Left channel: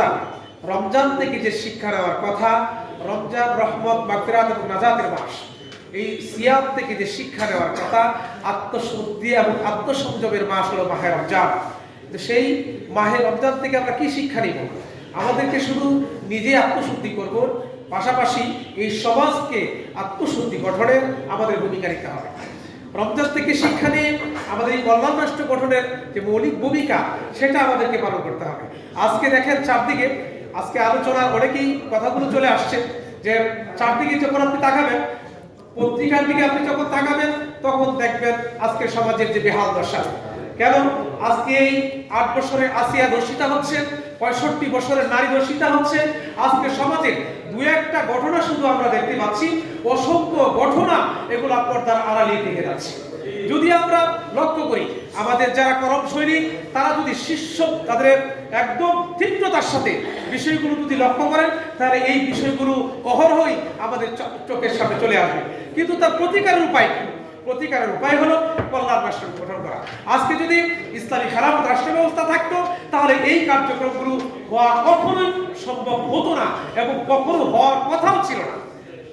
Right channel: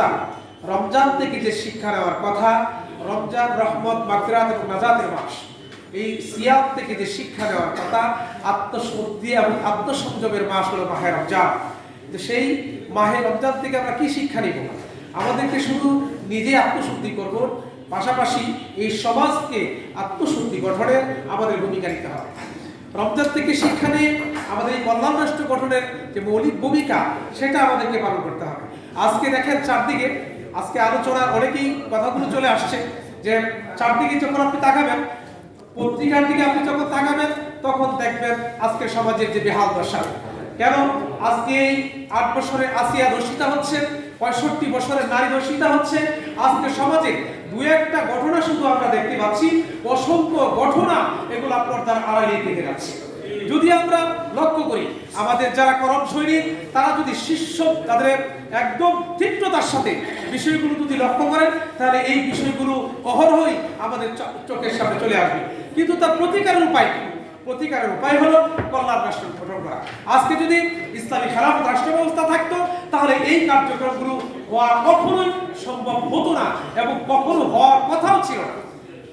ব্যবস্থা, রমজান থেকে যে শিক্ষা নেওয়ার কথা, রমজান রহমত, মাগফিরাত এবং নাজাতের মাস, এই সিয়াম থেকে যে শিক্ষা নেওয়ার কথা, আত্মশুদ্ধি এবং আত্মসংযমের মাস হলো মাহে রমজান। সেই মাহে রমজান থেকে আমরা কি শিক্ষা নিব? আমাদেরকে শুধু নিজে আত্মশুদ্ধি করব, পাশাপাশি এই সমাজকে আত্মশুদ্ধি গঠনের আমাদের ভূমিকা নিতে হবে। রমজান থেকে শিক্ষা নিয়ে আমাদের এই কল্যাণ রাষ্ট্র গঠনের যে মৌলিক ভূমিকা, সেটা আমাদেরকে পালন করতে হবে। আজকে দেখেন চারদিকে, আজকে আলোচনার অনেকেই কথাগুলো চলে আসছে যে চারদিকে যখন আপনি তাকাবেন, পত্রিকার দিকে আপনি যখন তাকাবেন, তখন দেখবেন আজকে সমাজের যে বেহাল দশা। কেন? আজকে এই 8 বছরে আসিয়া ধর্ষিতা হচ্ছে, 65 বছরের নারী ধর্ষিতা হচ্ছে। আজকে সমাজে দু একটা ঘটনা শুধু আমরা দেখতে পাচ্ছি, অসংখ্য ঘটনা এগুলো পর্দার আড়ালে থেকে যাচ্ছে। যদি আমরা লক্ষ্য করি, আমাদের যারা করম সৈনিক, তারা যদি শীর্ষ তাদের একদম তীব্রতার সাথে বিষয়গুলো যদি লক্ষ্য করেন, তাহলে এই বিষয়গুলো অহরহই আমাদের চোখের সামনে চলে আসবে। কিন্তু তার প্রতিকারের উপায় হলো কল্যাণ রাষ্ট্র গঠন করা। আজকে যদি ইসলামী খেলাফত রাষ্ট্র ব্যবস্থা থাকতো, তাহলে এই কার্যক্রমগুলো হওয়া কখনোই সম্ভব হতো না এবং কখনো হওয়ার কথাও ছিল না।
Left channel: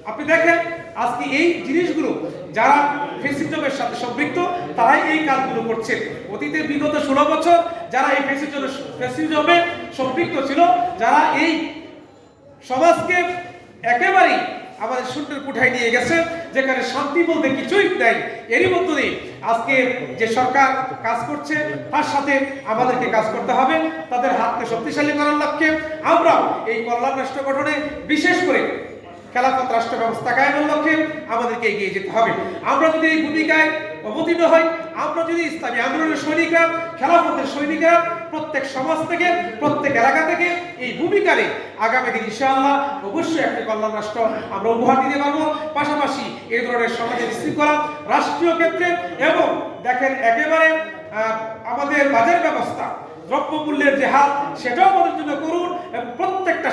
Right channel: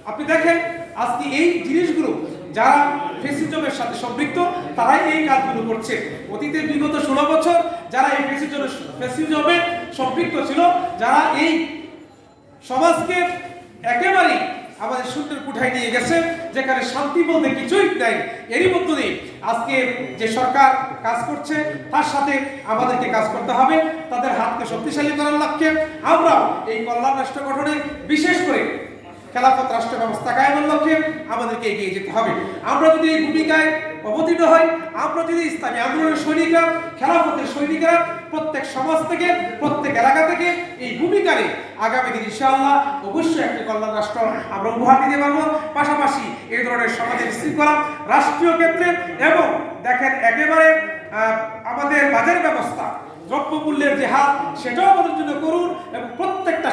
আপনি দেখেন আজকে এই জিনিসগুলো যারা ফ্যাসিজমের সাথে সম্পৃক্ত, তারাই এই কাজগুলো করছে। অতীতে বিগত 16 বছর যারা এই ফ্যাসিজমে সম্পৃক্ত ছিল, যারা এই সমাজকে একেবারেই আমাদের শূন্যের কোঠায় নিয়ে গেছে, যেখানে শান্তি বলতে কিছুই নাই, এরই মধ্য দিয়ে আজকে যে সরকার কাজ করছে, তার সাথে আমাদেরকে কাজ করতে হবে। তাদের হাতকে শক্তিশালী করার লক্ষ্যে আমরা এই কল্যাণ রাষ্ট্র গঠনে, বিশেষ করে খেলাফত রাষ্ট্র ব্যবস্থা কায়েমের লক্ষ্যে আমাদেরকে এগিয়ে যেতে হবে। আমরা যদি এই ভূমিকায় অবতীর্ণ হই, আমরা যদি ইসলামী আন্দোলনের সৈনিকরা, খেলাফতের সৈনিকরা প্রত্যেক সমাজ থেকে, প্রত্যেক এলাকা থেকে এই ভূমিকা নিয়ে আগামী দিন ইনশাআল্লাহ অবশ্যই একটা কল্যাণ রাষ্ট্র আমরা উপহার দিতে পারবো। পাশাপাশি এই ধরনের সমাজের শৃঙ্খলা রাষ্ট্রীয় ক্ষেত্রে, এবং দেখেন একেবারে আমাদের বাজার ব্যবস্থা, দ্রব্যমূল্যের যে হার, সেটাও আমাদের জন্য করুন। এবং প্রত্যেকটা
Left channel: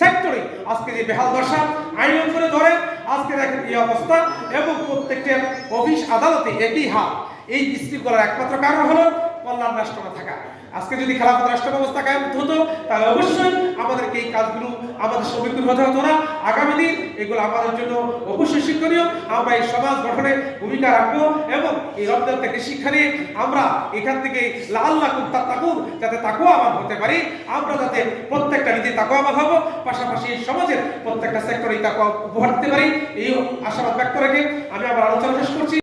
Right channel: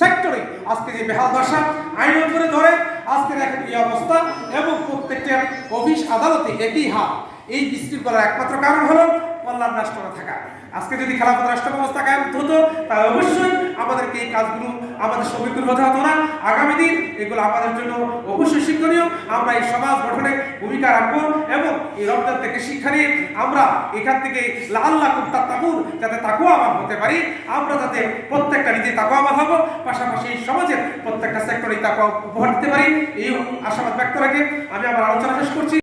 সেক্টরে আজকে যে বেহাল দশা, আইন করে ধরে আজকে দেখেন এই অবস্থা, এবং প্রত্যেকটা অফিস আদালতে একই হাল। এই বিশৃঙ্খলার একমাত্র কারণ হলো কল্যাণ রাষ্ট্র না থাকা। আজকে যদি খেলাফত রাষ্ট্র ব্যবস্থা কায়েম হতো, তাহলে অবশ্যই আমাদেরকে এই কাজগুলো আমাদের সম্মুখীন হতে হতো না। আগামী দিন এগুলো আমাদের জন্য অবশ্যই শিক্ষণীয়। আমরা এই সমাজ গঠনে ভূমিকা রাখবো, এবং এই রমজান থেকে শিক্ষা নিয়ে আমরা এখান থেকে লাআল্লাকুম তাত্তাকুন, যাতে তাকওয়াবান হতে পারি, আমরা যাতে প্রত্যেকটা নিজে তাকওয়াবান হব, পাশাপাশি এই সমাজের প্রত্যেকটা সেক্টরে তাকওয়া উপহার দিতে পারি, এই আশাবাদ ব্যক্ত রেখে আমি আমার আলোচনা শেষ করছি।